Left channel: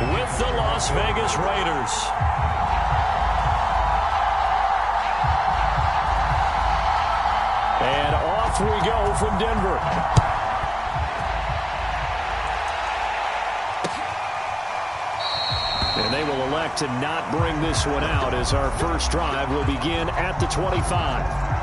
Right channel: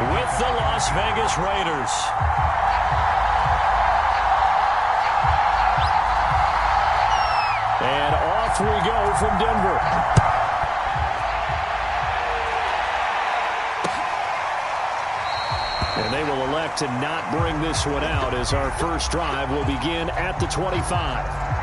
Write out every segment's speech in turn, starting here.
with the Las Vegas Raiders. And off we go from Denver. And they will elect to not bring this one out as our first drive will begin at the 25.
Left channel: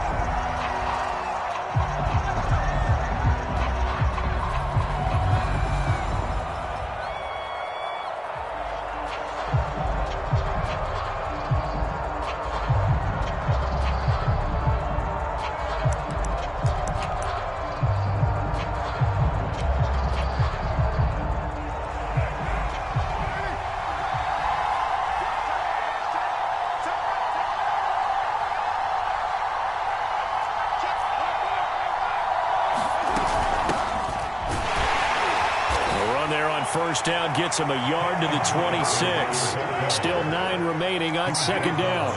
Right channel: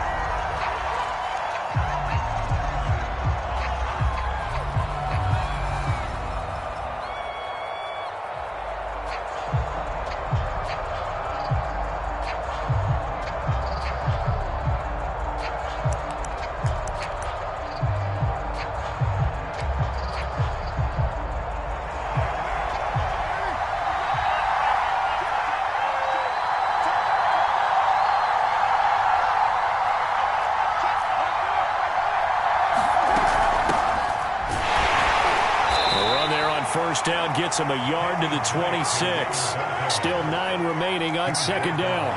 First down gets him a yard to the 26. Still 9 remaining on second down.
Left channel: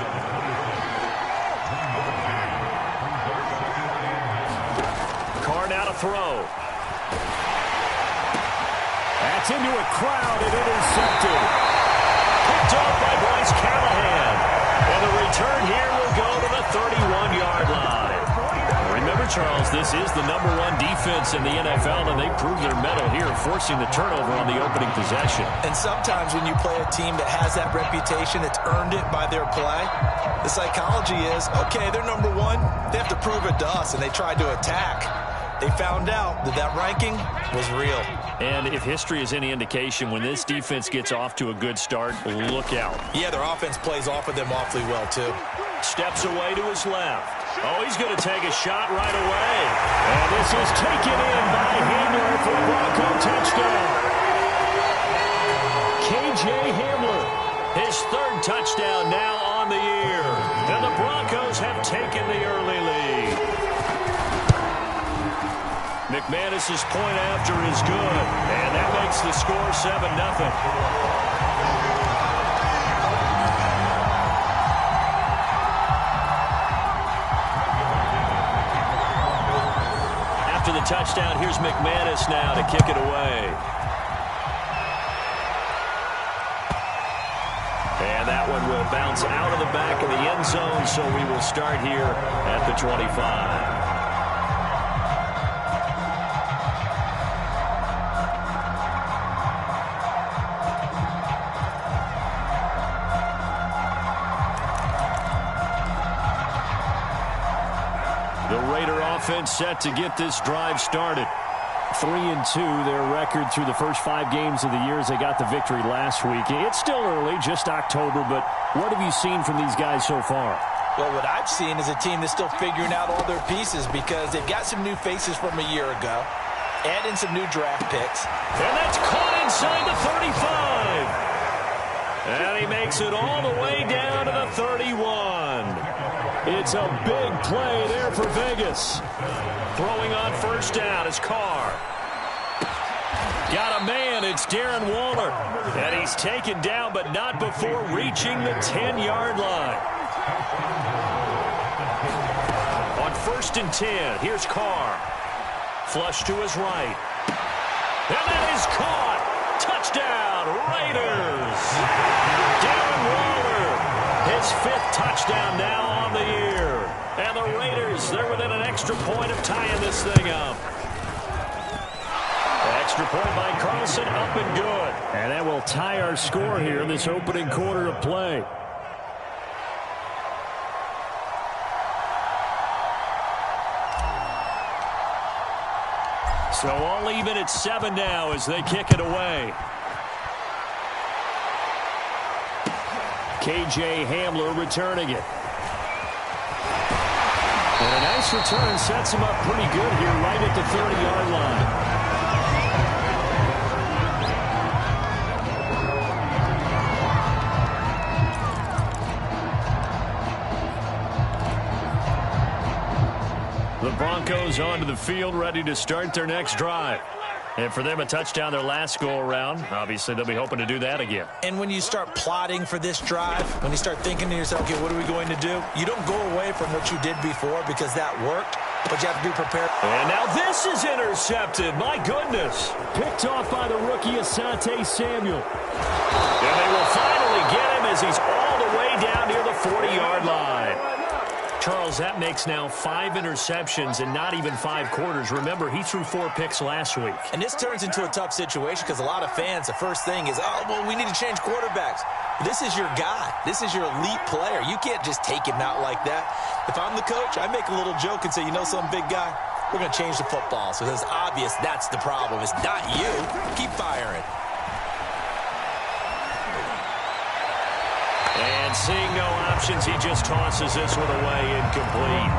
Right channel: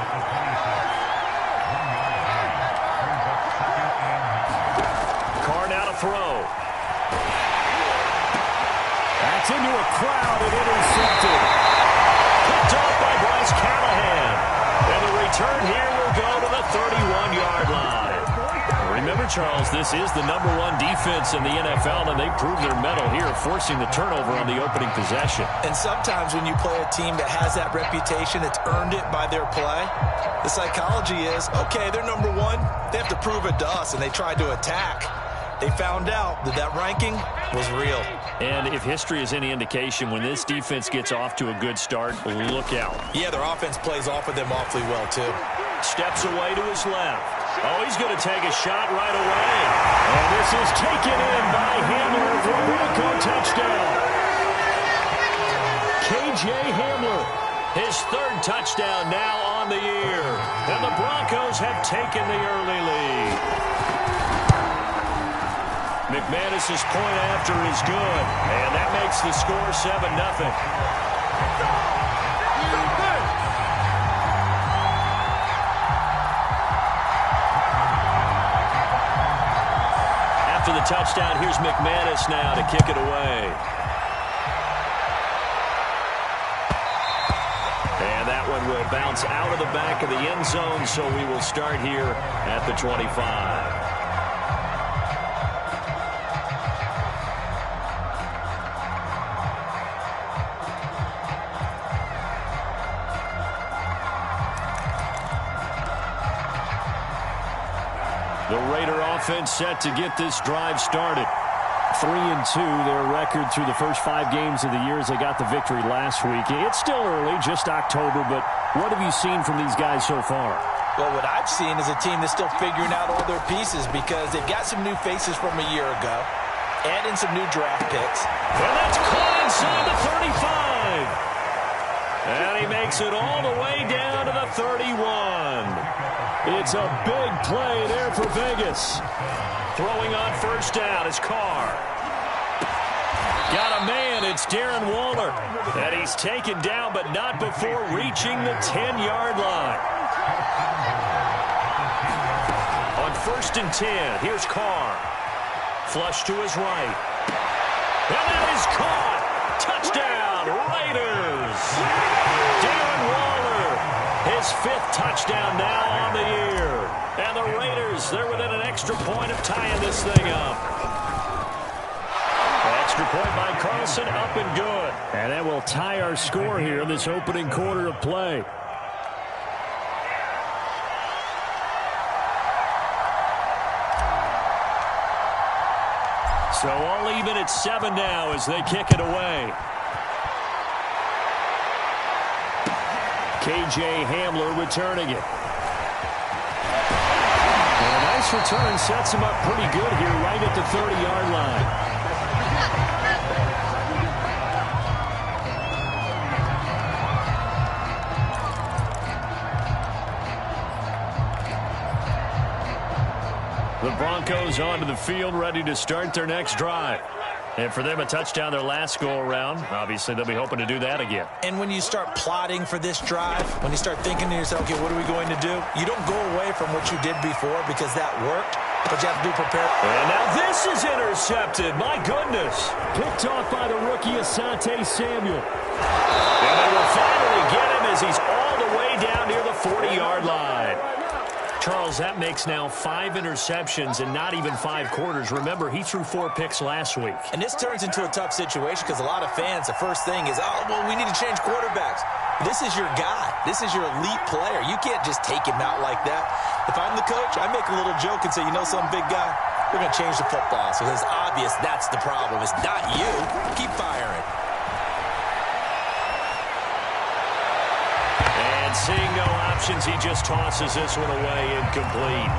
Carr now to throw. That's into a crowd and intercepted. Picked off by Bryce Callahan. And the return here will go to the 31-yard line. Remember, Charles, this is the #1 defense in the NFL, and they proved their mettle here, forcing the turnover on the opening possession. And sometimes when you play a team that has that reputation, it's earned it by their play. The psychology is, okay, they're #1. They have to prove it to us, and they tried to attack. They found out that that ranking was real. And if history is any indication, when this defense gets off to a good start, look out. Yeah, their offense plays off of them awfully well, too. Steps away to his left. Oh, he's going to take a shot right away. And this is taken in by Hamler for a Bronco touchdown. K.J. Hamler, his 3rd touchdown now on the year. And the Broncos have taken the early lead. McManus's point after is good. And that makes the score 7-0. After the touchdown, here's McManus now to kick it away. And that one will bounce out of the back of the end zone, so we will start here at the 25. The Raider offense set to get this drive started. 3-2, their record through the first 5 games of the year as they got the victory last week. It's still early, just October, but what have you seen from these guys so far? Well, what I've seen is a team that's still figuring out all their pieces because they've got some new faces from a year ago, add in some new draft picks. And that's caught inside the 35. And he makes it all the way down to the 31. It's a big play there for Vegas. Throwing on first down is Carr. Got a man, it's Darren Waller. And he's taken down, but not before reaching the 10-yard line. On 1st and 10, here's Carr. Flush to his right. And that is caught. Touchdown, Raiders. Darren Waller, his 5th touchdown now on the year. And the Raiders, they're within an extra point of tying this thing up. Extra point by Carlson, up and good. And that will tie our score here in this opening quarter of play. So all even at 7 now as they kick it away. K.J. Hamler returning it. And a nice return sets him up pretty good here right at the 30-yard line. The Broncos onto the field, ready to start their next drive. And for them, a touchdown their last go-around. Obviously, they'll be hoping to do that again. And when you start plotting for this drive, when you start thinking to yourself, okay, what are we going to do? You don't go away from what you did before because that worked. but you have to be prepared. And now this is intercepted. My goodness. Picked off by the rookie Asante Samuel. And they will finally get him as he's all the way down near the 40-yard line. Charles, that makes now 5 interceptions in not even 5 quarters. Remember, he threw 4 picks last week. And this turns into a tough situation because a lot of fans, the first thing is, oh, well, we need to change quarterbacks. This is your guy. This is your elite player. You can't just take him out like that. If I'm the coach, I make a little joke and say, you know something, big guy? We're going to change the football. So it's obvious that's the problem. It's not you. Keep firing. And seeing no options, he just tosses this one away, incomplete.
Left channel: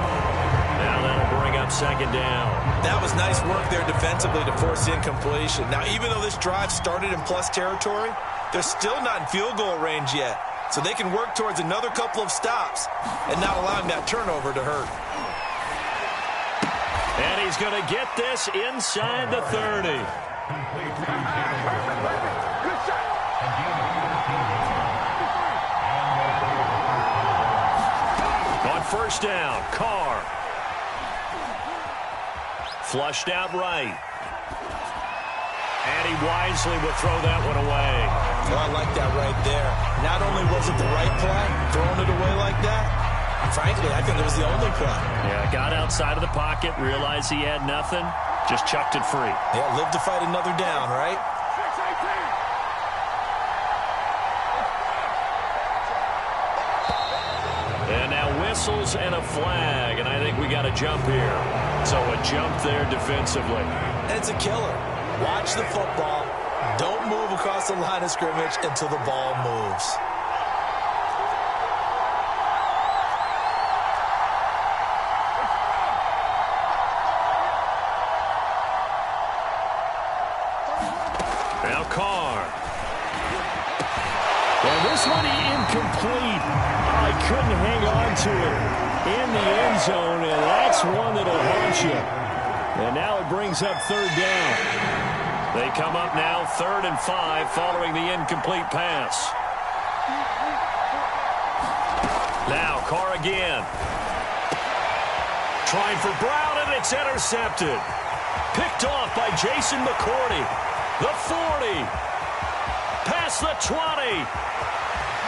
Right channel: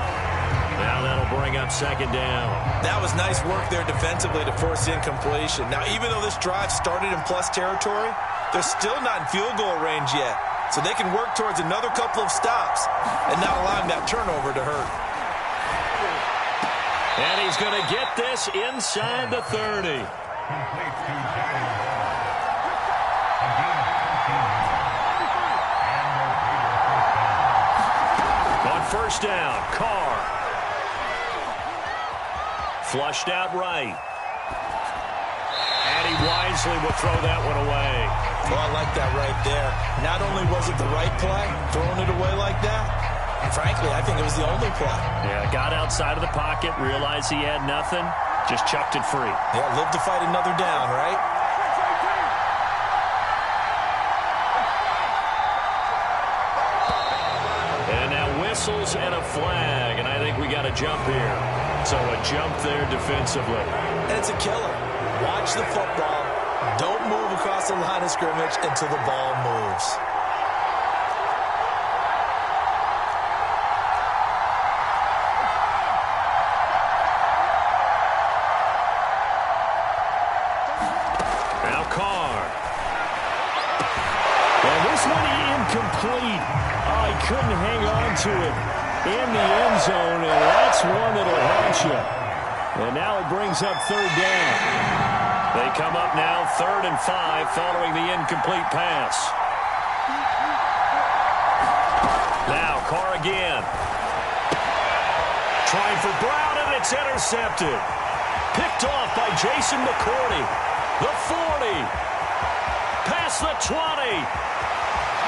Now that'll bring up second down. That was nice work there defensively to force incompletion. Now, even though this drive started in plus territory, they're still not in field goal range yet. So they can work towards another couple of stops and not allowing that turnover to hurt. And he's going to get this inside the 30. On first down, Carr. Flushed out right. And he wisely will throw that one away. Oh, I like that right there. Not only was it the right play, throwing it away like that, frankly, I think it was the only play. Yeah, got outside of the pocket, realized he had nothing, just chucked it free. Yeah, live to fight another down, right? And now whistles and a flag, and I think we got a jump here. So a jump there defensively. And it's a killer. Watch the football. Don't move across the line of scrimmage until the ball moves. Now Carr. And this one incomplete. Oh, he couldn't hang on to it in the end zone, and that's one that'll haunt you. And now it brings up third down. They come up now 3rd and 5 following the incomplete pass. Now Carr again. Trying for Brown, and it's intercepted. Picked off by Jason McCourty. The 40. Past the 20.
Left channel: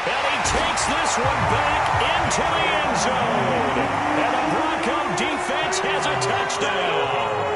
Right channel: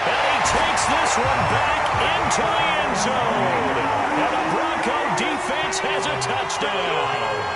And he takes this one back into the end zone. And the Bronco defense has a touchdown.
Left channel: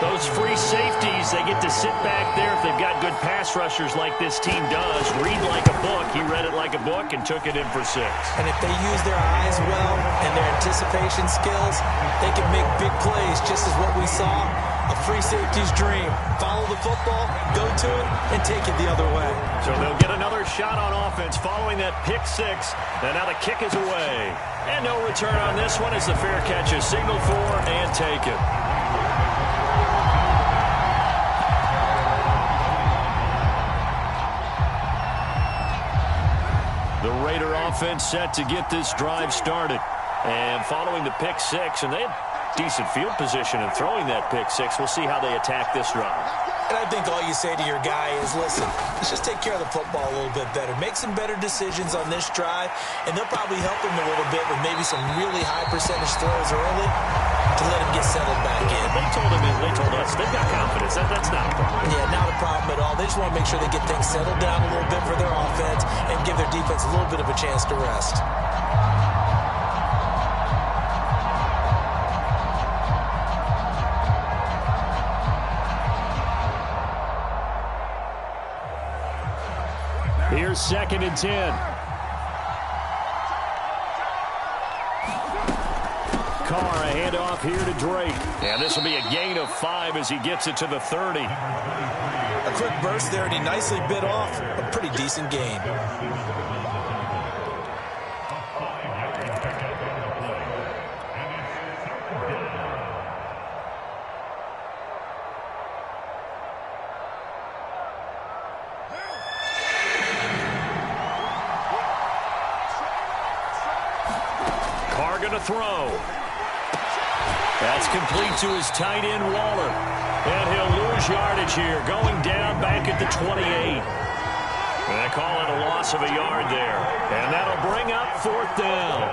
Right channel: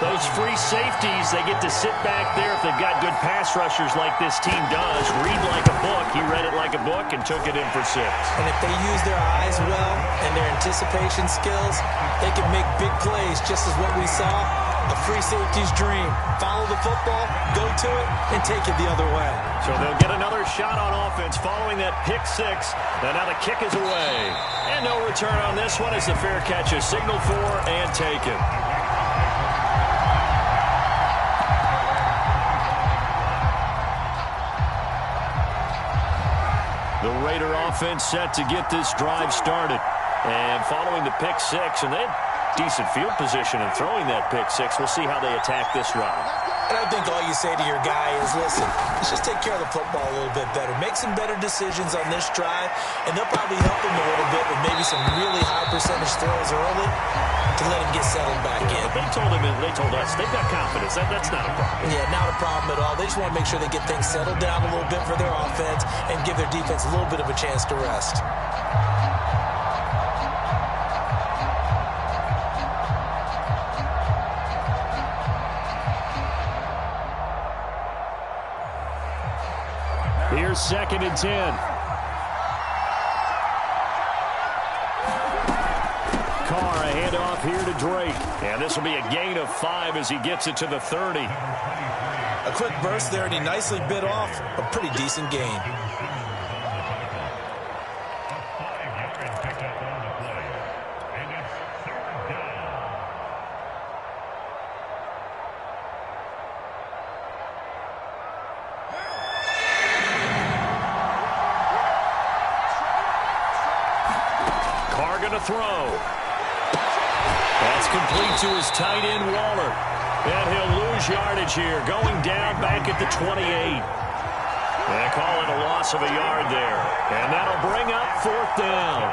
Those free safeties, they get to sit back there if they've got good pass rushers like this team does. Read like a book. He read it like a book and took it in for 6. And if they use their eyes well and their anticipation skills, they can make big plays, just as what we saw. A free safety's dream. Follow the football, go to it, and take it the other way. So they'll get another shot on offense following that pick 6. And now the kick is away. And no return on this one as the fair catch is signaled for and taken. The Raider offense set to get this drive started. And following the pick 6, and they had decent field position in throwing that pick 6. We'll see how they attack this drive. And I think all you say to your guy is, listen, let's just take care of the football a little bit better. Make some better decisions on this drive, and they'll probably help him a little bit with maybe some really high percentage throws early to let him get settled back in. But they told us they've got confidence. That's not a problem. Yeah, not a problem at all. They just want to make sure they get things settled down a little bit for their offense and give their defense a little bit of a chance to rest. Here's 2nd and 10. Carr, a handoff here to Drake. And this will be a gain of 5 as he gets it to the 30. A quick burst there, and he nicely bit off a pretty decent gain. Going to throw. That's complete to his tight end, Waller. And he'll lose yardage here, going down back at the 28. They call it a loss of a yard there. And that'll bring up 4th down.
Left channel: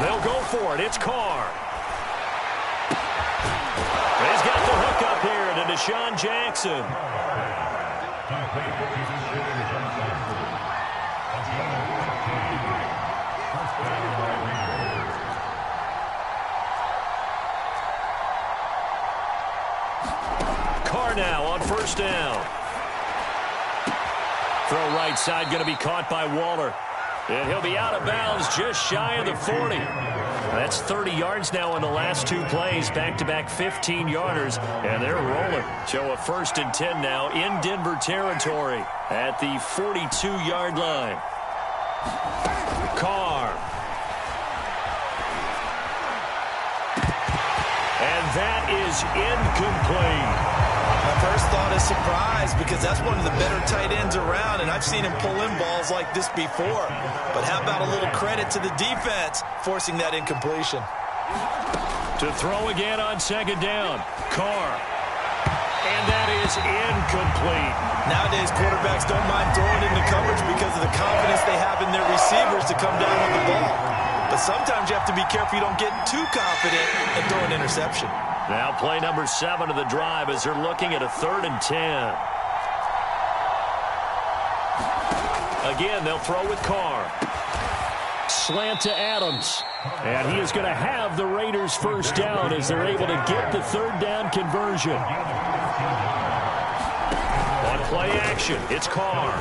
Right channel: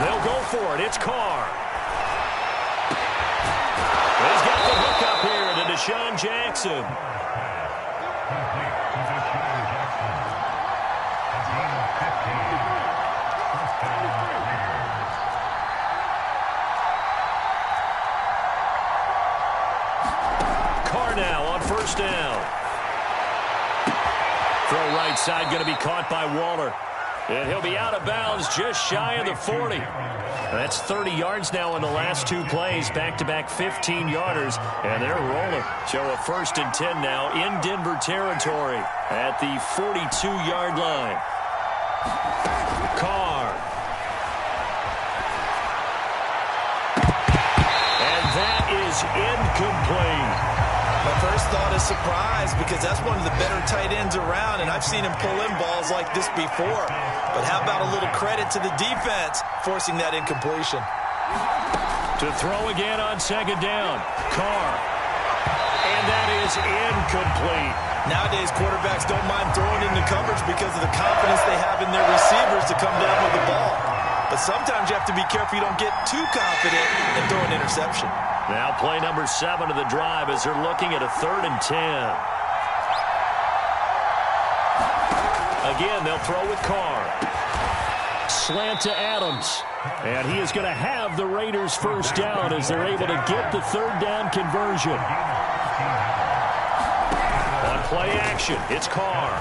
They'll go for it. It's Carr. He's got the hook up here to Deshaun Jackson. Carr now on first down. Throw right side going to be caught by Waller. And he'll be out of bounds just shy of the 40. That's 30 yards now in the last two plays. Back-to-back 15-yarders, and they're rolling. So a 1st and 10 now in Denver territory at the 42-yard line. Carr. And that is incomplete. My first thought is surprise because that's one of the better tight ends around, and I've seen him pull in balls like this before. But how about a little credit to the defense forcing that incompletion? To throw again on 2nd down. Carr. And that is incomplete. Nowadays, quarterbacks don't mind throwing into coverage because of the confidence they have in their receivers to come down with the ball. But sometimes you have to be careful you don't get too confident and throw an interception. Now play number 7 of the drive as they're looking at a 3rd and 10. Again, they'll throw with Carr. Slant to Adams. And he is going to have the Raiders first down as they're able to get the 3rd down conversion. On play action, it's Carr.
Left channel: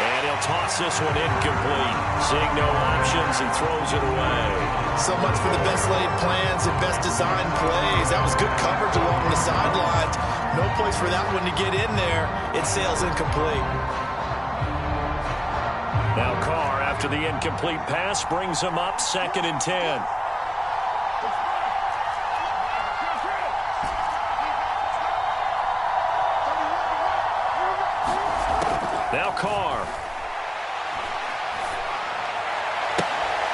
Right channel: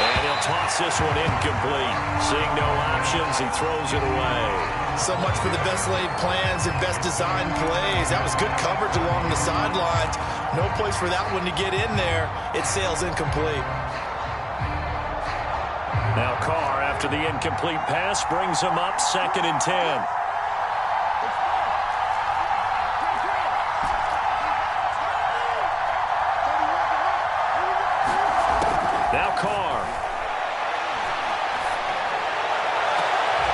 And he'll toss this one incomplete. Seeing no options, he throws it away. So much for the best laid plans and best designed plays. That was good coverage along the sidelines. No place for that one to get in there. It sails incomplete. Now Carr, after the incomplete pass, brings him up 2nd and 10. Now Carr.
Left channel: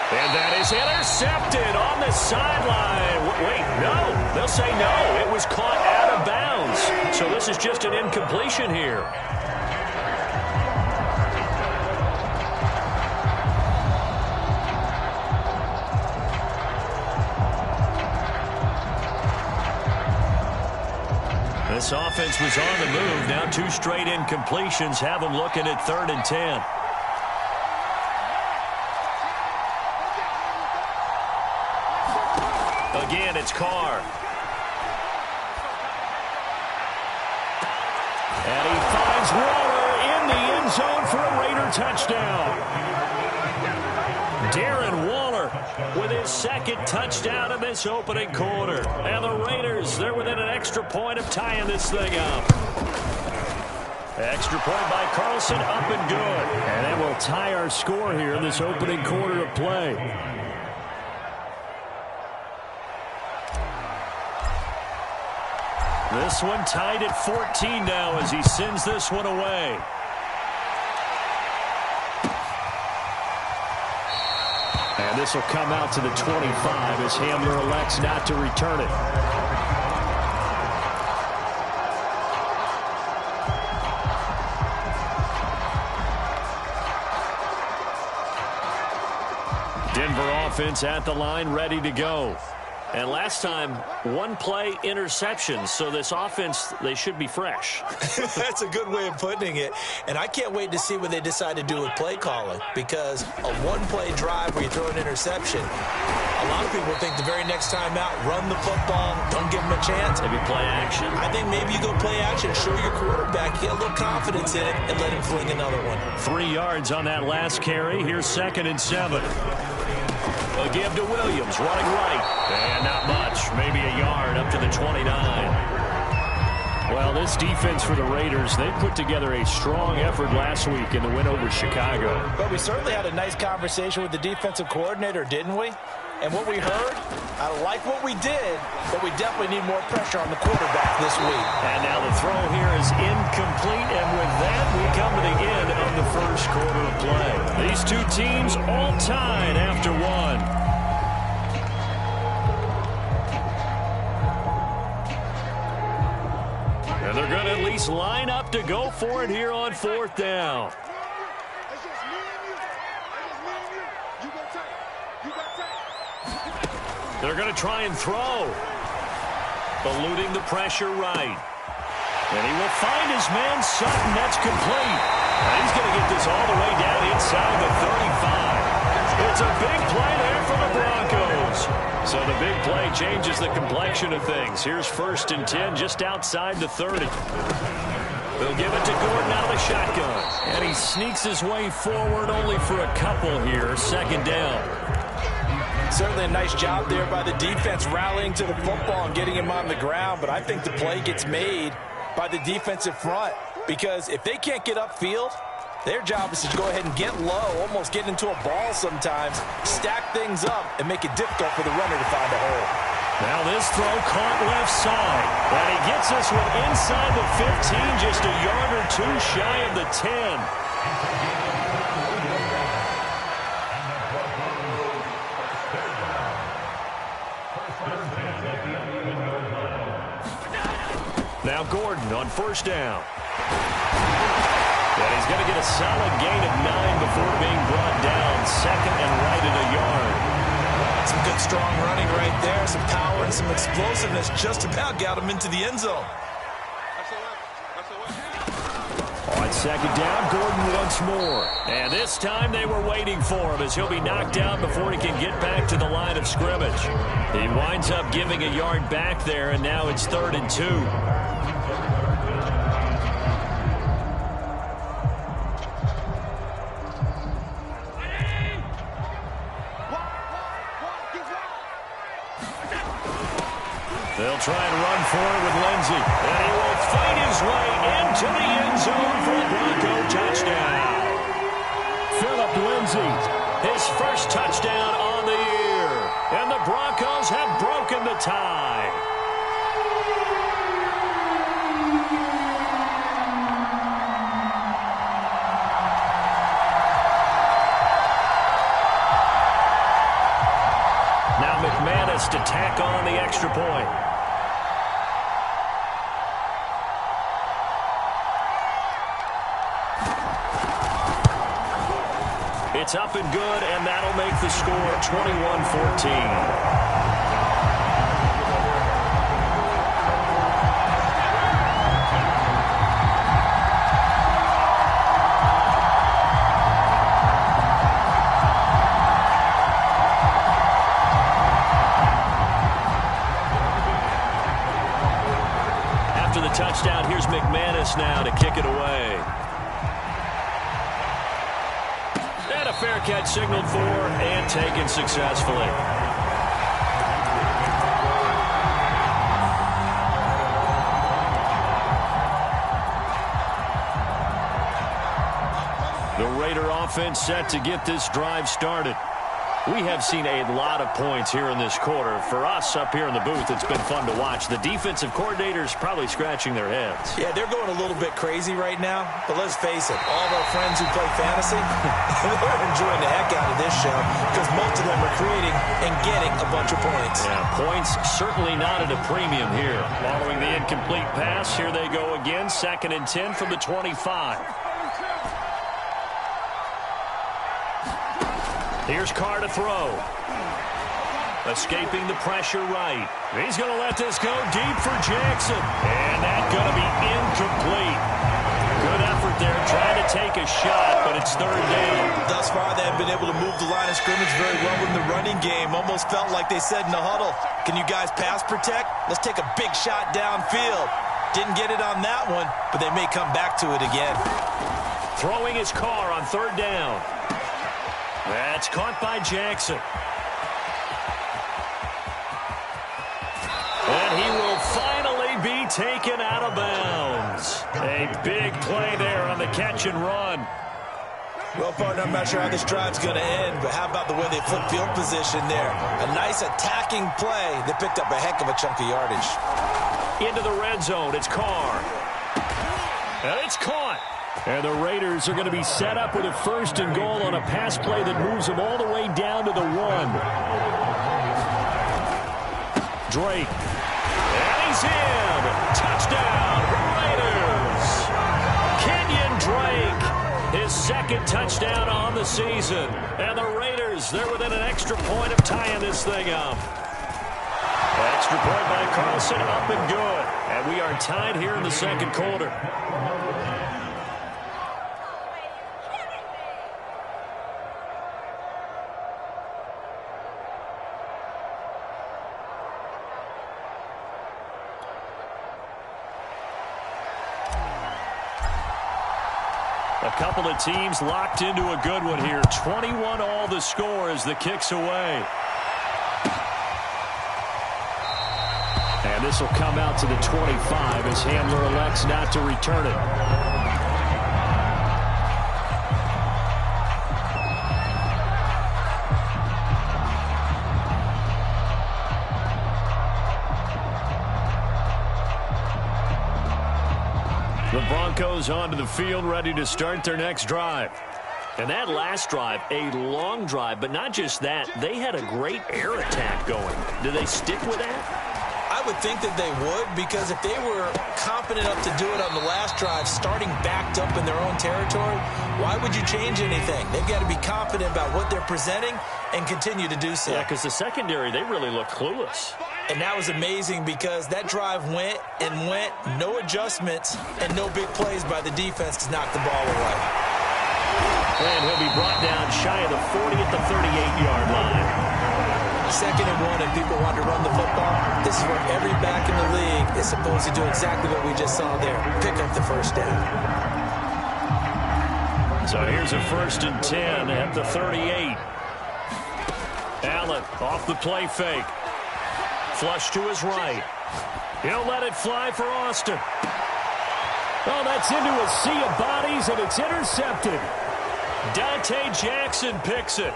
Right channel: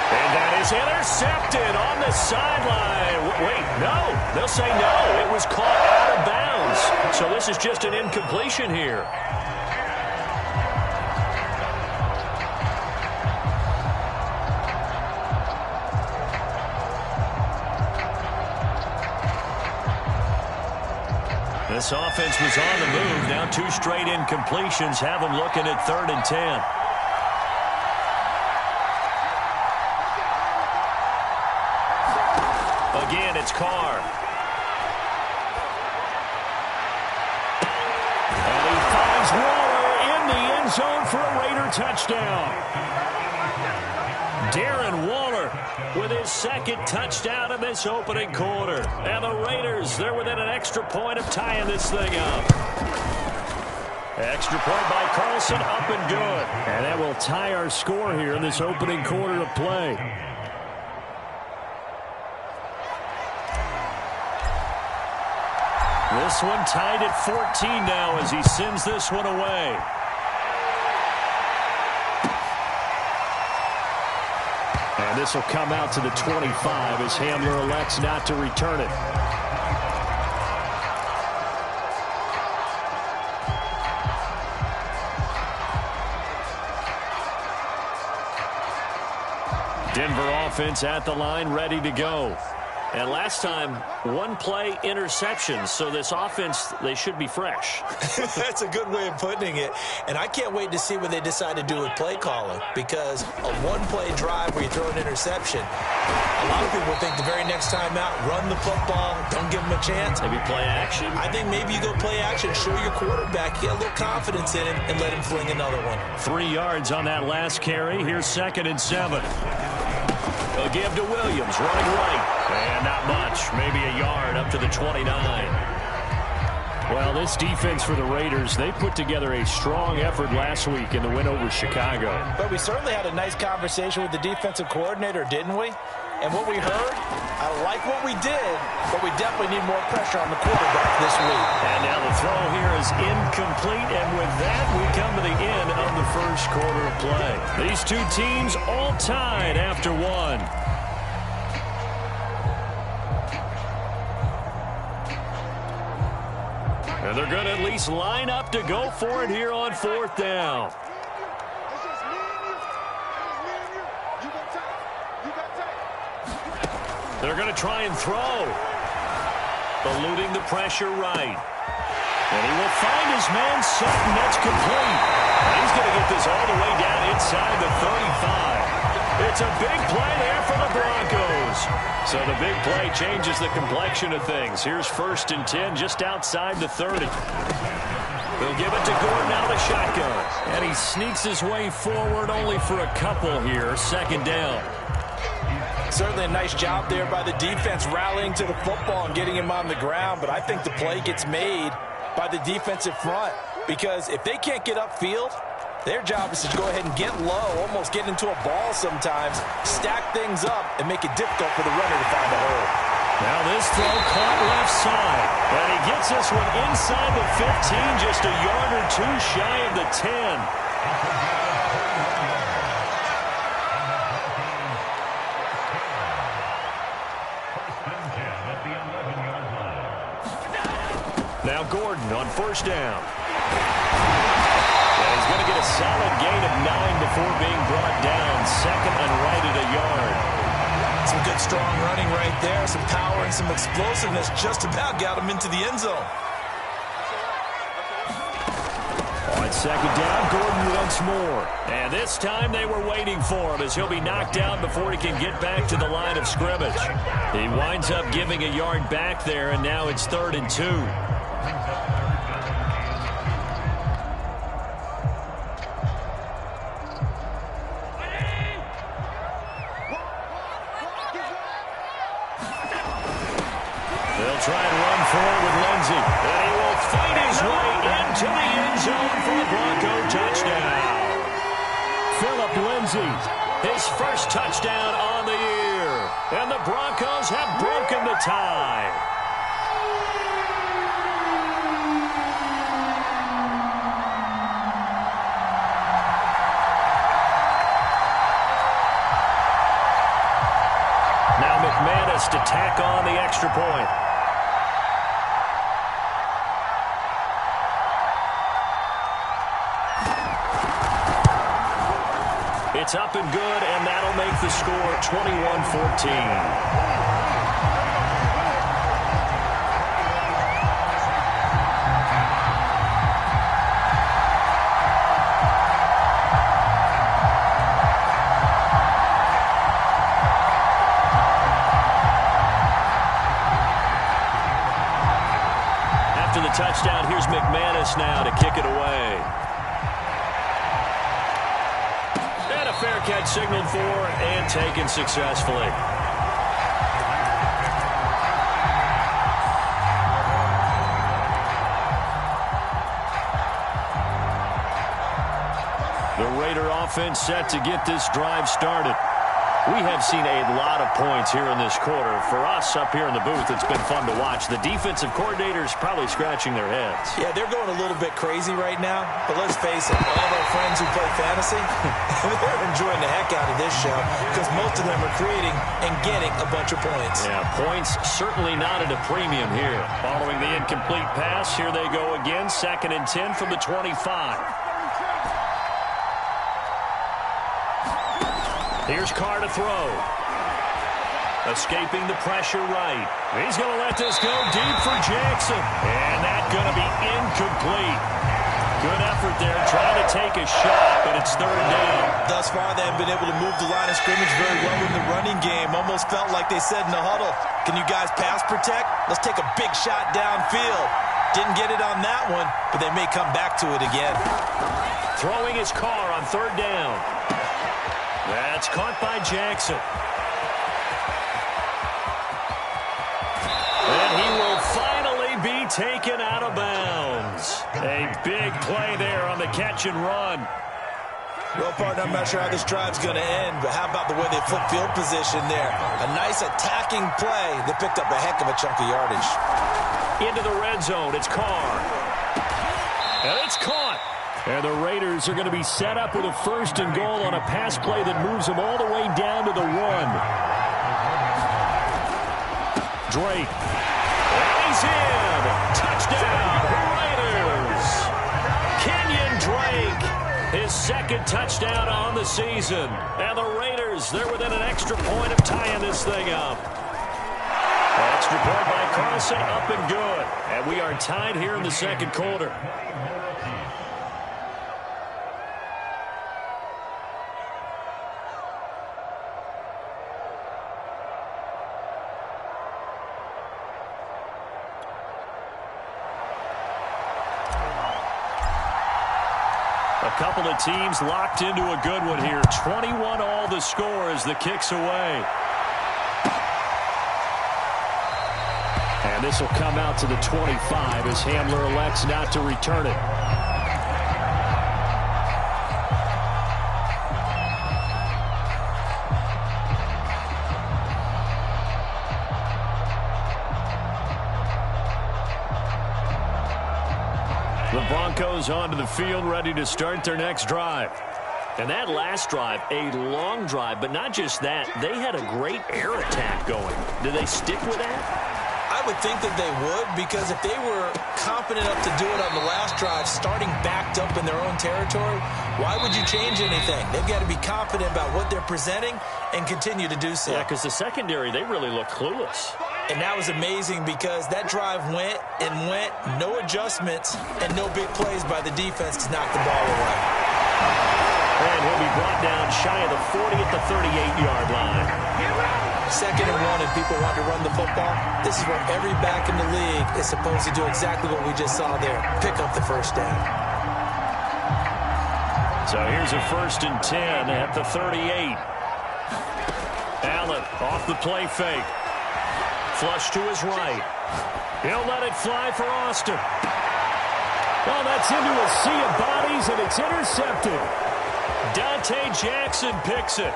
And that is intercepted on the sideline. Wait, no. They'll say no. It was caught out of bounds. So this is just an incompletion here. This offense was on the move. Now 2 straight incompletions have them looking at 3rd and 10. Again, it's Carr. And he finds Waller in the end zone for a Raider touchdown. Darren Waller with his 2nd touchdown in this opening quarter. And the Raiders, they're within an extra point of tying this thing up. Extra point by Carlson, up and good. And that will tie our score here in this opening quarter of play. This one tied at 14 now as he sends this one away. And this will come out to the 25 as Hamler elects not to return it. Denver offense at the line, ready to go. And last time, 1 play interception, so this offense, they should be fresh. That's a good way of putting it. And I can't wait to see what they decide to do with play calling, because a 1-play drive where you throw an interception, a lot of people think the very next time out, run the football, don't give them a chance. Maybe play action? I think maybe you go play action, show your quarterback, get a little confidence in it, and let him fling another one. 3 yards on that last carry. Here's 2nd and 7. A give to Williams, running right. And not much, maybe a yard up to the 29. Well, this defense for the Raiders, they put together a strong effort last week in the win over Chicago. But we certainly had a nice conversation with the defensive coordinator, didn't we? And what we heard, I like what we did, but we definitely need more pressure on the quarterback this week. And now the throw here is incomplete, and with that, we come to the end of the first quarter of play. These two teams all tied after one. And they're going to at least line up to go for it here on 4th down. It's just me and you. It's just me and you. You They're going to try and throw. Eluding the pressure right. And he will find his man Sutton. That's complete. And he's going to get this all the way down inside the 35. It's a big play there for the Broncos. So the big play changes the complexion of things. Here's 1st and 10 just outside the 30. They'll give it to Gordon out of the shotgun. And he sneaks his way forward only for a couple here. 2nd down. Certainly a nice job there by the defense rallying to the football and getting him on the ground. But I think the play gets made by the defensive front. Because if they can't get upfield, their job is to go ahead and get low, almost get into a ball sometimes, stack things up, and make it difficult for the runner to find a hole. Now this throw caught left side. And he gets this one inside the 15, just a yard or two shy of the 10. Now Gordon on 1st down. And he's going to get a solid gain of 9 before being brought down. 2nd and right at a yard. Some good strong running right there. Some power and some explosiveness just about got him into the end zone. On 2nd down, Gordon once more. And this time they were waiting for him as he'll be knocked down before he can get back to the line of scrimmage. He winds up giving a yard back there, and now it's 3rd and 2. They'll try and run for it with Lindsey. And he will fight his way into the end zone for a Bronco touchdown. Phillip Lindsey. His 1st touchdown on the year. And the Broncos have broken the tie. Now McManus to tack on the extra point. It's up and good, and that'll make the score 21-14. After the touchdown, here's McManus now to kick it away. And a fair catch signaled for and taken successfully. The Raider offense set to get this drive started. We have seen a lot of points here in this quarter. For us up here in the booth, it's been fun to watch. The defensive coordinators probably scratching their heads. Yeah, they're going a little bit crazy right now. But let's face it, all of our friends who play fantasy, they're enjoying the heck out of this show because most of them are creating and getting a bunch of points. Yeah, points certainly not at a premium here. Following the incomplete pass, here they go again. 2nd and 10 from the 25. Here's Carr to throw. Escaping the pressure right. He's going to let this go deep for Jackson. And that's going to be incomplete. Good effort there trying to take a shot, but it's 3rd down. Thus far, they have been able to move the line of scrimmage very well in the running game. Almost felt like they said in the huddle, can you guys pass protect? Let's take a big shot downfield. Didn't get it on that one, but they may come back to it again. Throwing his Carr on 3rd down. That's caught by Jackson. And he will finally be taken out of bounds. A big play there on the catch and run. Well, partner, I'm not sure how this drive's going to end, but how about the way they flip field position there? A nice attacking play. They picked up a heck of a chunk of yardage. Into the red zone. It's Carr. And it's caught. And the Raiders are going to be set up with a 1st and goal on a pass play that moves them all the way down to the 1. Drake. And he's in. Touchdown, Raiders. Kenyon Drake, his 2nd touchdown on the season. And the Raiders, they're within an extra point of tying this thing up. Extra point by Carlson, up and good. And we are tied here in the second quarter. A couple of teams locked into a good one here. 21 all the score as the kick's away. And this will come out to the 25 as Hamler elects not to return it. The Broncos onto the field, ready to start their next drive. And that last drive, a long drive, but not just that. They had a great air attack going. Do they stick with that? I would think that they would, because if they were confident enough to do it on the last drive, starting backed up in their own territory, why would you change anything? They've got to be confident about what they're presenting and continue to do so. Yeah, because the secondary, they really looked clueless. And that was amazing because that drive went and went, no adjustments, and no big plays by the defense to knock the ball away. And he'll be brought down shy of the 40 at the 38-yard line. 2nd and 1 and people want to run the football. This is where every back in the league is supposed to do exactly what we just saw there. Pick up the first down. So here's a 1st and 10 at the 38. Allen off the play fake. Flush to his right. He'll let it fly for Austin. Oh, that's into a sea of bodies, and it's intercepted. Dante Jackson picks it.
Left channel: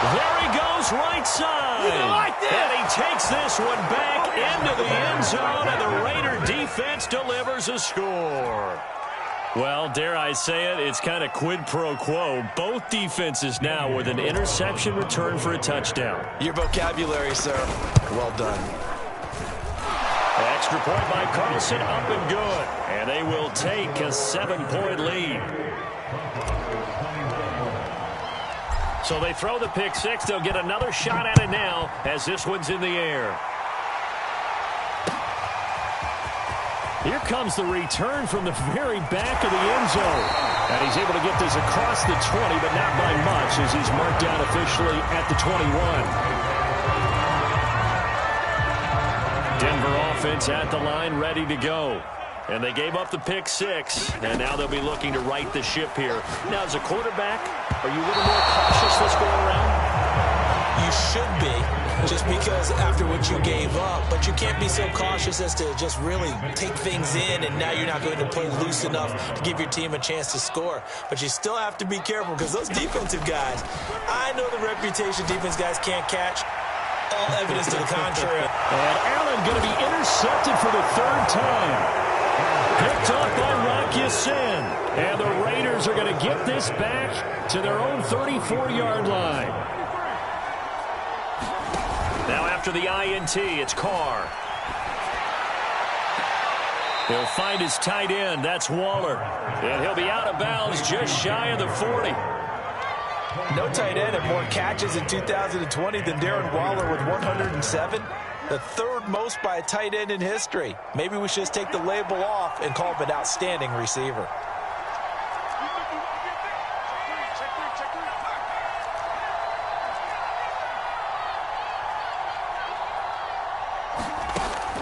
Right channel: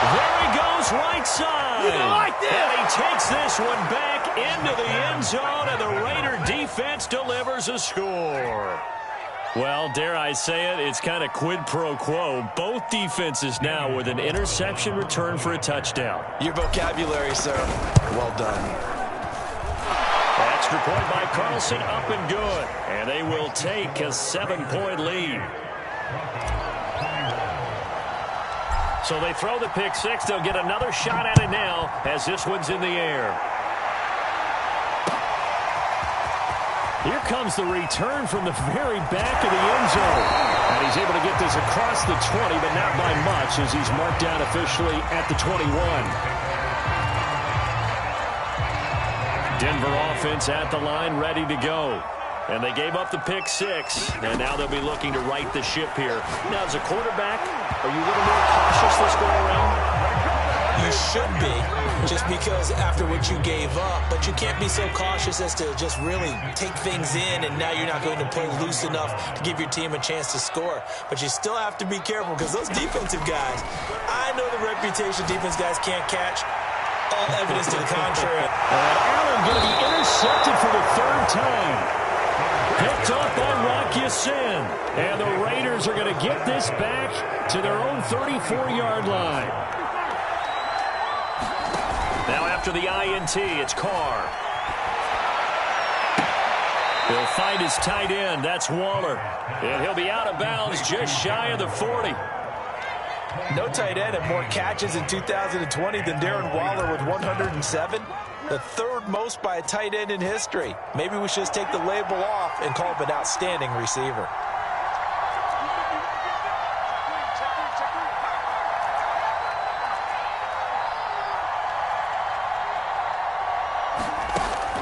There he goes, right side. You like this? And he takes this one back into the end zone, and the Raider defense delivers a score. Well, dare I say it, it's kind of quid pro quo. Both defenses now with an interception return for a touchdown. Your vocabulary, sir. Well done. Extra point by Carlson, up and good. And they will take a 7-point lead. So they throw the pick six. They'll get another shot at it now as this one's in the air. Here comes the return from the very back of the end zone. And he's able to get this across the 20, but not by much as he's marked down officially at the 21. Denver offense at the line, ready to go. And they gave up the pick six, and now they'll be looking to right the ship here. Now, as a quarterback, are you a little more cautious this go around? You should be, just because after what you gave up, but you can't be so cautious as to just really take things in, and now you're not going to play loose enough to give your team a chance to score. But you still have to be careful because those defensive guys, I know the reputation defense guys can't catch. All evidence to the contrary. And Allen going to be intercepted for the 3rd time. Picked off by Rock Ya-Sin. And the Raiders are going to get this back to their own 34-yard line. Now after the INT, it's Carr. He'll find his tight end. That's Waller. And he'll be out of bounds just shy of the 40. No tight end had more catches in 2020 than Darren Waller with 107. The 3rd most by a tight end in history. Maybe we should just take the label off and call him an outstanding receiver.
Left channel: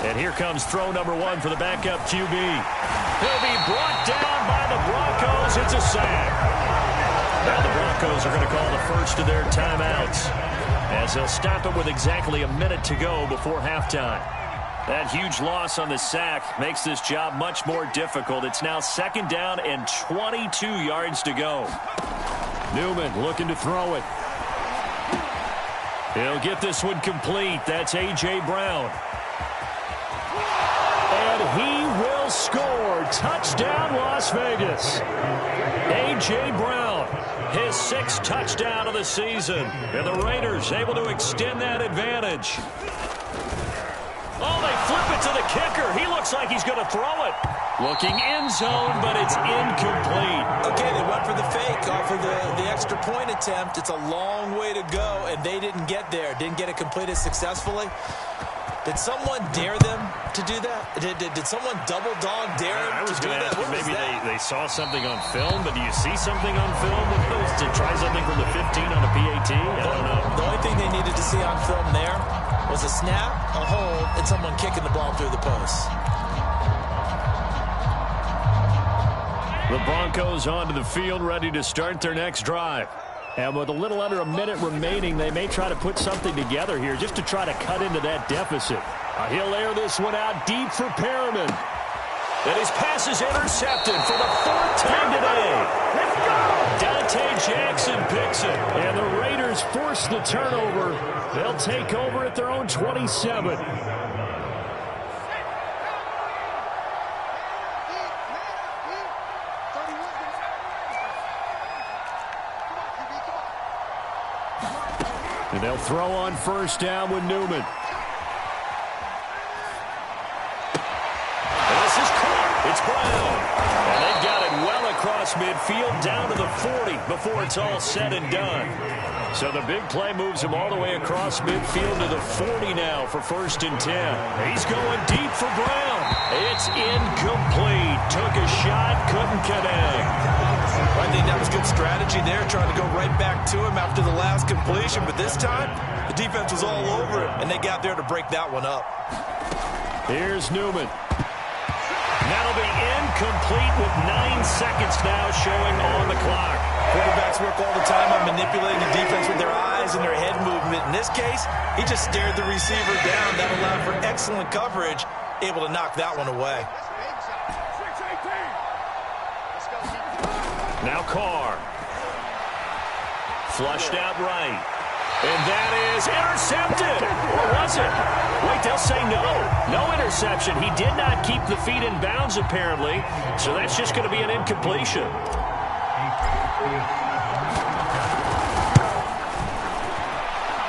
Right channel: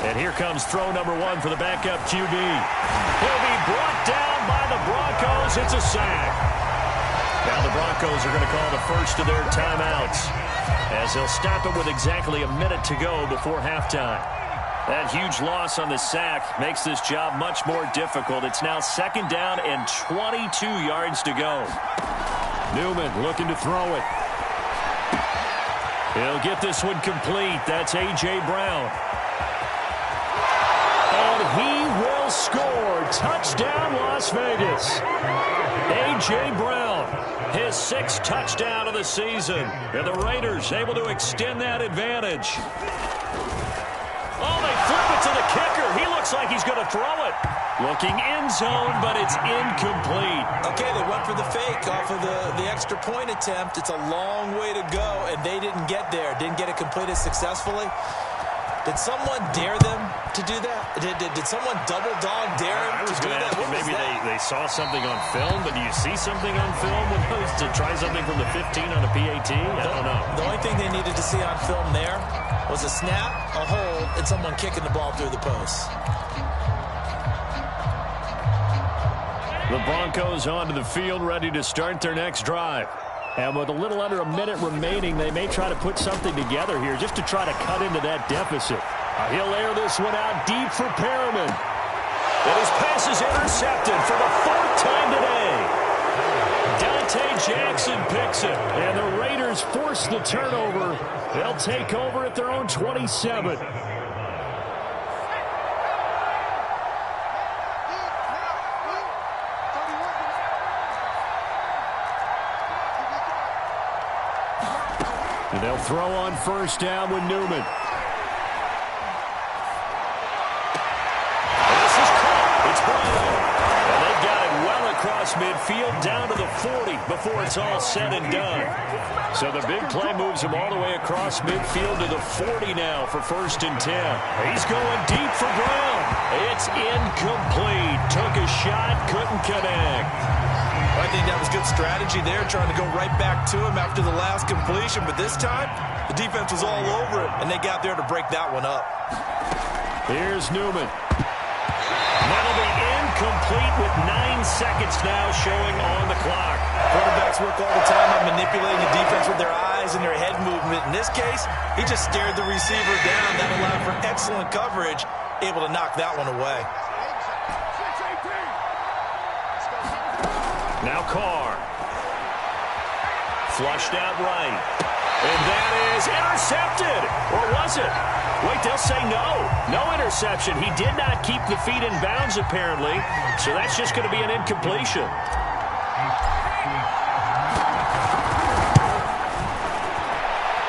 And here comes throw number 1 for the backup QB. He'll be brought down by the Broncos. It's a sack. Now the Broncos are going to call the first of their timeouts as they'll stop it with exactly a minute to go before halftime. That huge loss on the sack makes this job much more difficult. It's now 2nd down and 22 yards to go. Newman looking to throw it. He'll get this one complete. That's A.J. Brown. And he will score. Touchdown, Las Vegas. A.J. Brown, his 6th touchdown of the season. And the Raiders able to extend that advantage. Oh, they flip it to the kicker. He looks like he's going to throw it. Looking end zone, but it's incomplete. Okay, they went for the fake off of the extra point attempt. It's a long way to go, and they didn't get there. Didn't get it completed successfully. Did someone dare them to do that? Did someone double dog dare them to do that? Maybe they saw something on film, but do you see something on film with those to try something from the 15 on a PAT? I don't know. The only thing they needed to see on film there was a snap, a hold, and someone kicking the ball through the posts. The Broncos onto the field, ready to start their next drive. And with a little under a minute remaining, they may try to put something together here just to try to cut into that deficit. He'll air this one out deep for Perriman. And his pass is intercepted for the 4th time today. Dante Jackson picks it. And the Raiders force the turnover. They'll take over at their own 27. And they'll throw on first down with Newman. And this is caught. It's Brown. And they've got it well across midfield down to the 40 before it's all said and done. So the big play moves him all the way across midfield to the 40 now for 1st and 10. He's going deep for Brown. It's incomplete. Took a shot, couldn't connect. I think that was good strategy there, trying to go right back to him after the last completion. But this time, the defense was all over it, and they got there to break that one up. Here's Newman. That'll be incomplete with 9 seconds now showing on the clock. Quarterbacks work all the time on manipulating the defense with their eyes and their head movement. In this case, he just stared the receiver down. That allowed for excellent coverage, able to knock that one away. Now Carr. Flushed out right. And that is intercepted. Or was it? Wait, they'll say no. No interception. He did not keep the feet in bounds, apparently. So that's just going to be an incompletion.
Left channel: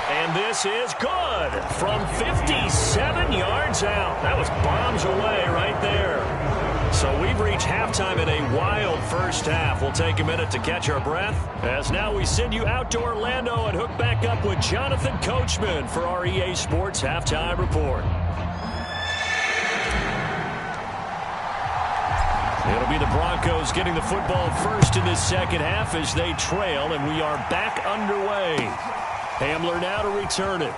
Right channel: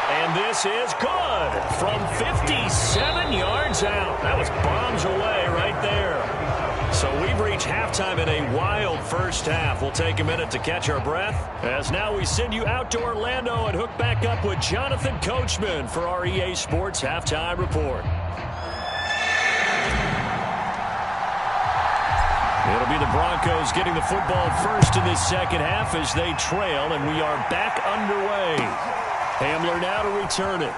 And this is good from 57 yards out. That was bombs away right there. So we've reached halftime in a wild first half. We'll take a minute to catch our breath, as now we send you out to Orlando and hook back up with Jonathan Coachman for our EA Sports Halftime Report. It'll be the Broncos getting the football first in this second half as they trail, and we are back underway. Hamler now to return it.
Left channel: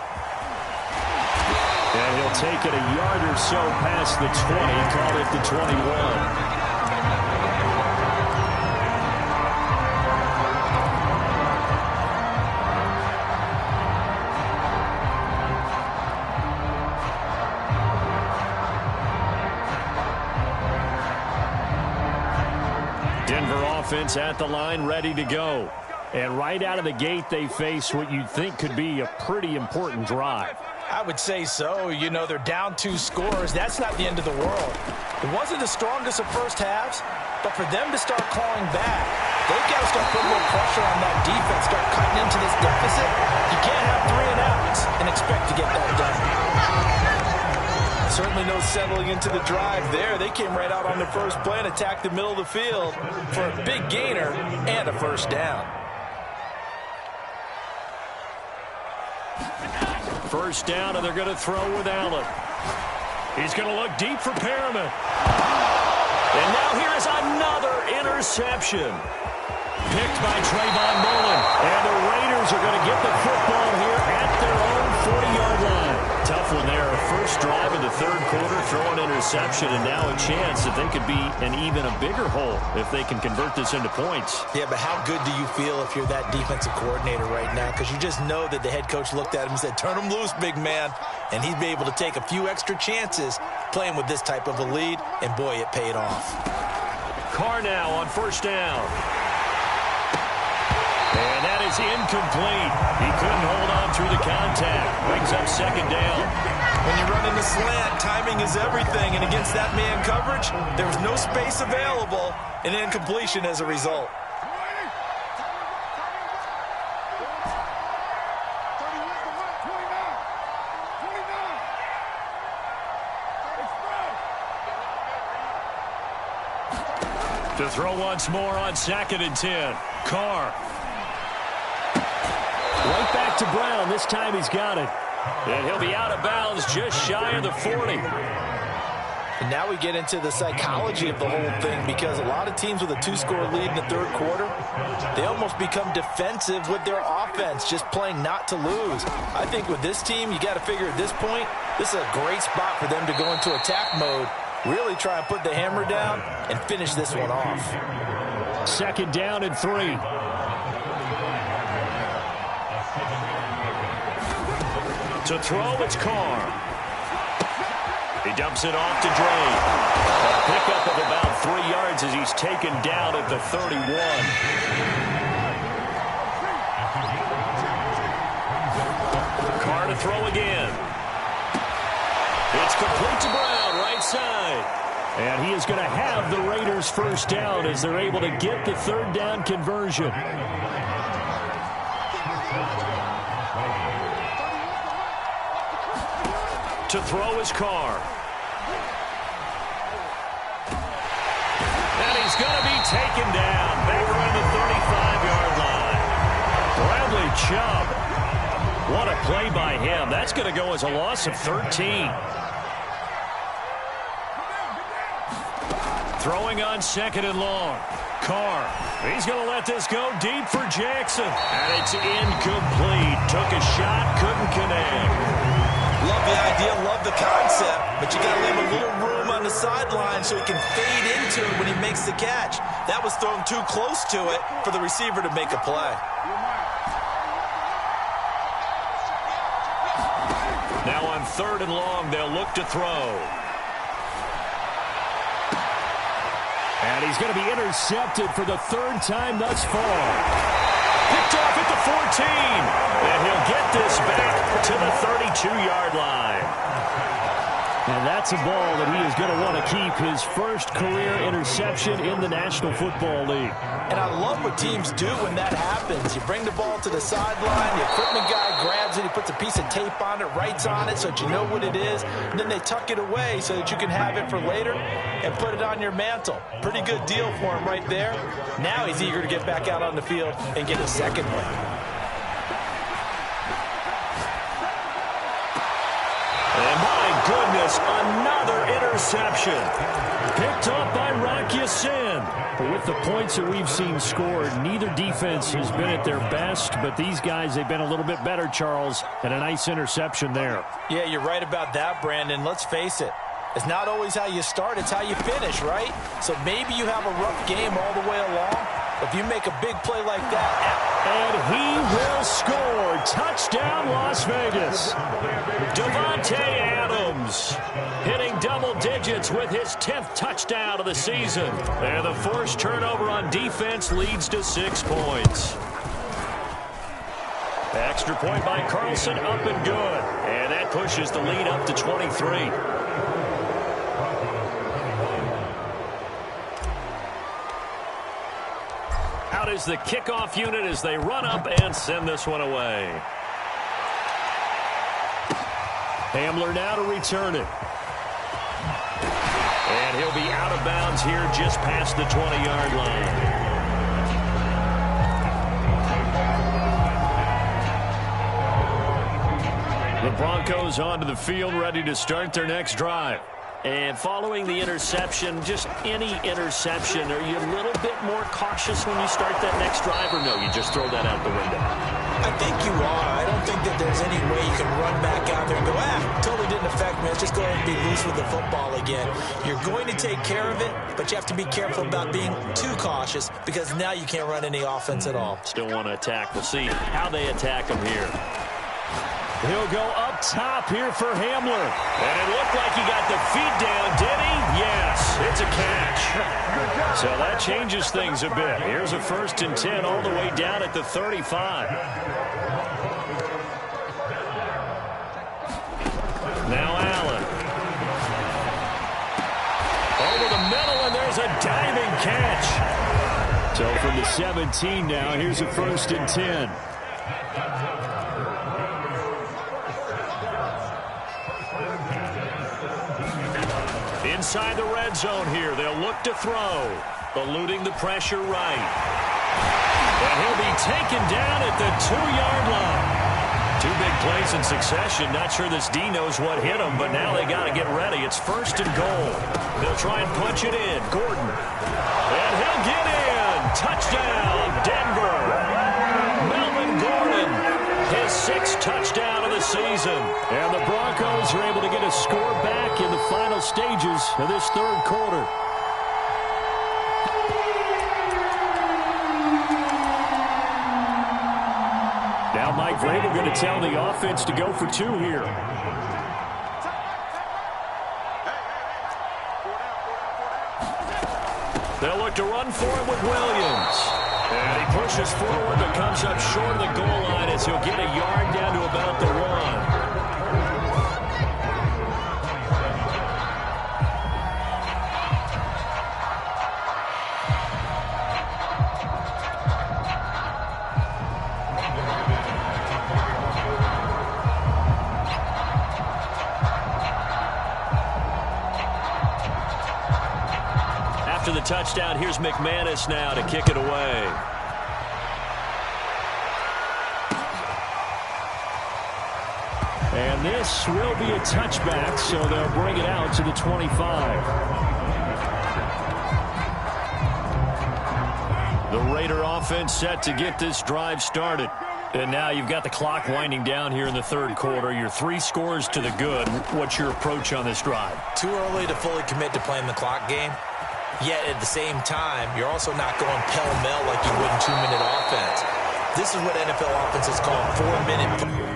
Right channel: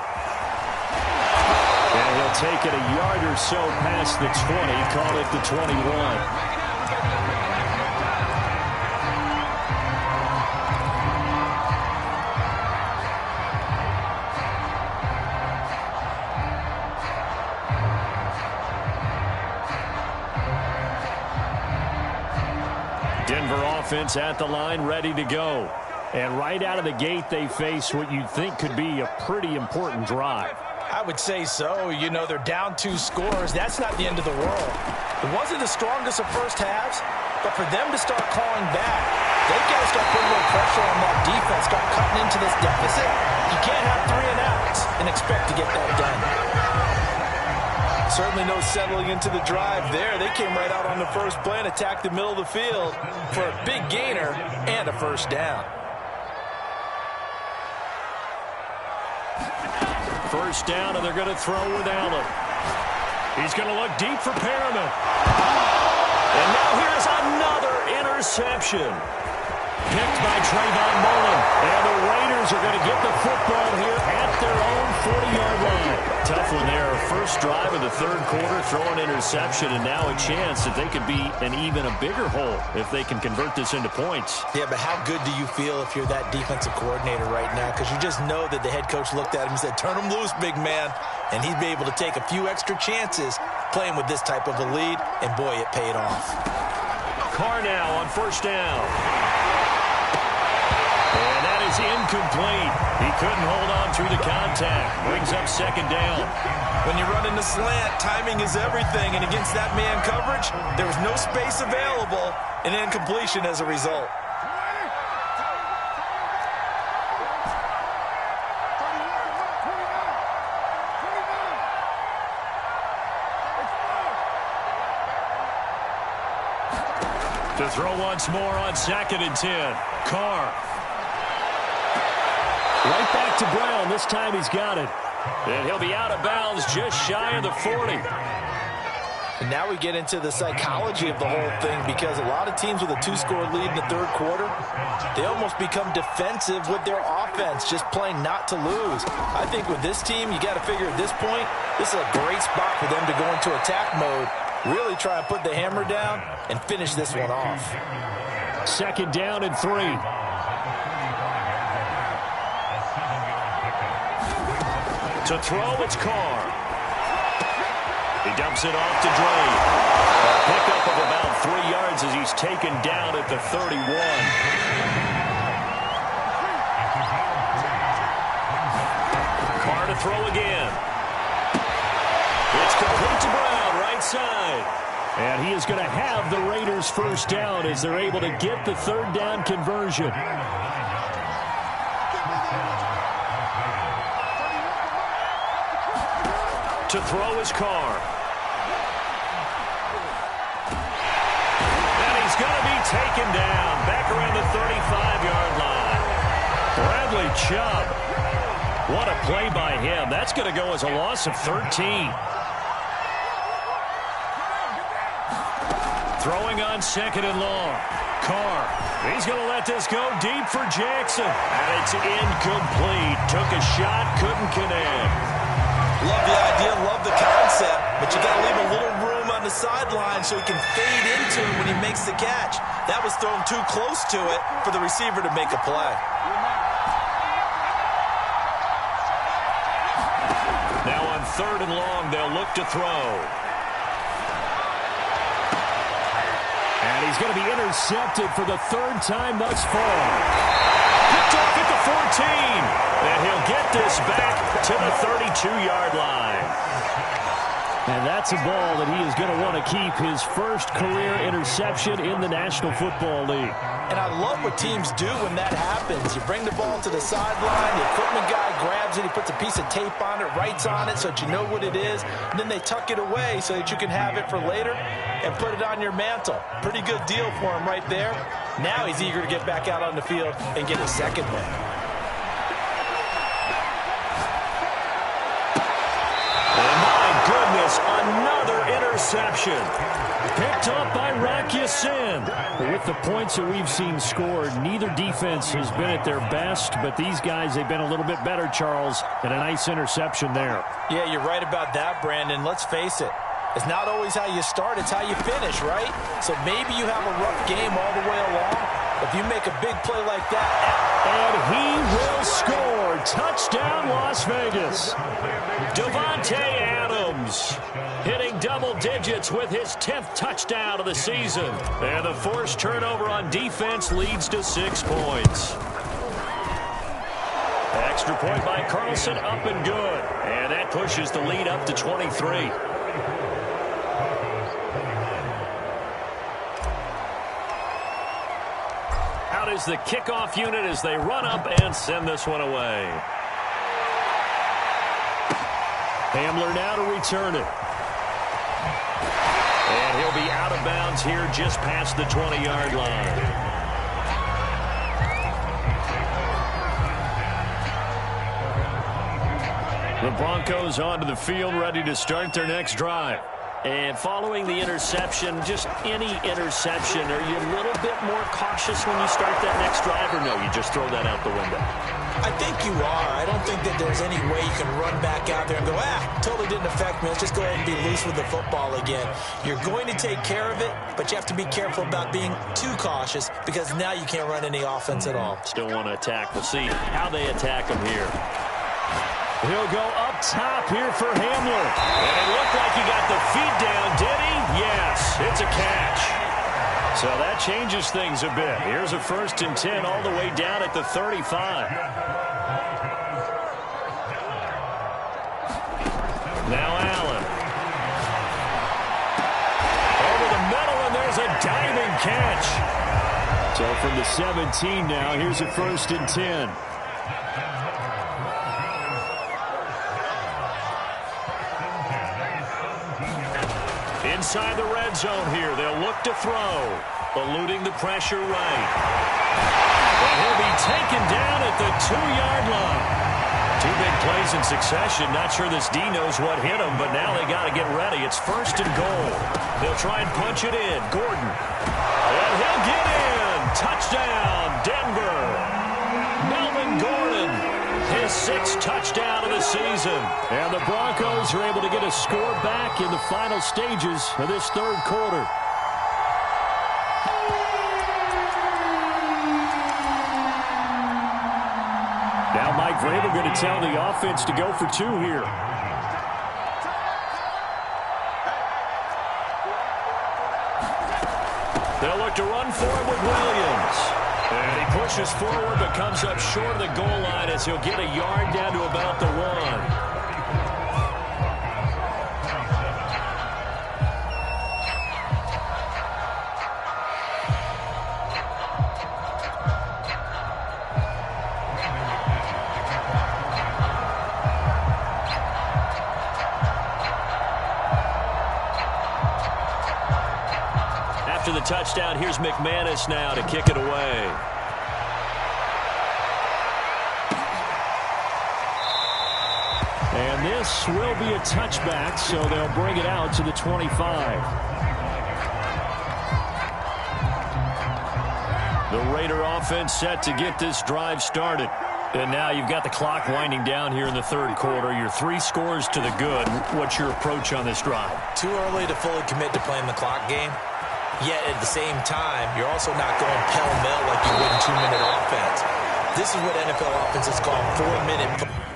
And he'll take it a yard or so past the 20, call it the 21. Denver offense at the line, ready to go. And right out of the gate, they face what you'd think could be a pretty important drive. I would say so. You know, they're down 2 scores. That's not the end of the world. It wasn't the strongest of first halves, but for them to start clawing back, they've got to start putting a little pressure on that defense, start cutting into this deficit. You can't have 3 and outs and expect to get that done. Certainly no settling into the drive there. They came right out on the first play and attacked the middle of the field for a big gainer and a first down. First down, and they're going to throw with Allen. He's going to look deep for Perriman. And now here is another interception. Picked by Trayvon Mullen. And the Raiders are going to get the football here at their own 40-yard line. Tough one there. First drive of the third quarter, throw an interception, and now a chance that they could be an even a bigger hole if they can convert this into points. Yeah, but how good do you feel if you're that defensive coordinator right now? Because you just know that the head coach looked at him and said, turn him loose, big man. And he'd be able to take a few extra chances playing with this type of a lead, and boy, it paid off. Carr now on first down. And that is incomplete. He couldn't hold on through the contact. Brings up second down. When you run in the slant, timing is everything. And against that man coverage, there was no space available, and incompletion as a result. To throw once more on 2nd and 10. Carr. Right back to Brown. This time he's got it. And he'll be out of bounds just shy of the 40. And now we get into the psychology of the whole thing, because a lot of teams with a 2-score lead in the third quarter, they almost become defensive with their offense, just playing not to lose. I think with this team, you got to figure at this point, this is a great spot for them to go into attack mode, really try and put the hammer down and finish this one off. 2nd down and 3. To throw, it's Carr. He dumps it off to Dre. A pickup of about 3 yards as he's taken down at the 31. Carr to throw again. It's complete to Brown, right side. And he is going to have the Raiders first down as they're able to get the 3rd down conversion. To throw is Carr. And he's going to be taken down back around the 35-yard line. Bradley Chubb. What a play by him. That's going to go as a loss of 13. Throwing on 2nd and long. Carr. He's going to let this go deep for Jackson. And it's incomplete. Took a shot, couldn't connect. Love the idea, love the concept, but you got to leave a little room on the sideline so he can fade into it when he makes the catch. That was thrown too close to it for the receiver to make a play. Now on 3rd and long, they'll look to throw. And he's going to be intercepted for the 3rd time thus far. Picked off at the 14. And he'll get this back to the 32-yard line. And that's a ball that he is going to want to keep, his first career interception in the National Football League. And I love what teams do when that happens. You bring the ball to the sideline, the equipment guy grabs it, he puts a piece of tape on it, writes on it so that you know what it is, and then they tuck it away so that you can have it for later and put it on your mantle. Pretty good deal for him right there. Now he's eager to get back out on the field and get a second one. And my goodness, another interception. Picked up by Rock Ya-Sin. With the points that we've seen scored, neither defense has been at their best, but these guys, they've been a little bit better, Charles, and a nice interception there. Yeah, you're right about that, Brandon. Let's face it. It's not always how you start, it's how you finish, right? So maybe you have a rough game all the way along, but if you make a big play like that... And he will score. Touchdown, Las Vegas. Davante Adams hitting double digits with his 10th touchdown of the season. And the forced turnover on defense leads to 6 points. Extra point by Carlson, up and good. And that pushes the lead up to 23. Out is the kickoff unit as they run up and send this one away. Hamler now to return it. And he'll be out of bounds here just past the 20-yard line. The Broncos onto the field, ready to start their next drive. And following the interception, just any interception, are you a little bit more cautious when you start that next drive, or no, you just throw that out the window? I think you are. I don't think that there's any way you can run back out there and go, totally didn't affect me. Let's just go ahead and be loose with the football again. You're going to take care of it, but you have to be careful about being too cautious because now you can't run any offense at all. Still want to attack. We'll see how they attack him here. He'll go up top here for Hamler. And it looked like he got the feet down, did he? Yes, it's a catch. So that changes things a bit. Here's a 1st and 10 all the way down at the 35. Now Allen. Over the middle, and there's a diving catch. So from the 17 now, here's a 1st and 10. Inside the red zone here, they'll look to throw. Eluding the pressure right. And he'll be taken down at the 2-yard line. 2 big plays in succession. Not sure this D knows what hit him, but now they got to get ready. It's 1st and goal. They'll try and punch it in. Gordon. And he'll get in. Touchdown, Denver. Melvin Gordon, his 6th touchdown of the season. And the Broncos are able to get a score back in the final stages of this 3rd quarter. Now Mike Vrabel going to tell the offense to go for 2 here. They'll look to run for him with Williams. And he pushes forward but comes up short of the goal line as he'll get a yard down to about the 1. After the touchdown, here's McManus now to kick it away. And this will be a touchback, so they'll bring it out to the 25. The Raider offense set to get this drive started. And now you've got the clock winding down here in the 3rd quarter. You're 3 scores to the good. What's your approach on this drive? Too early to fully commit to playing the clock game. Yet at the same time, you're also not going pell-mell like you would in 2-minute offense. This is what NFL offenses call 4-minute.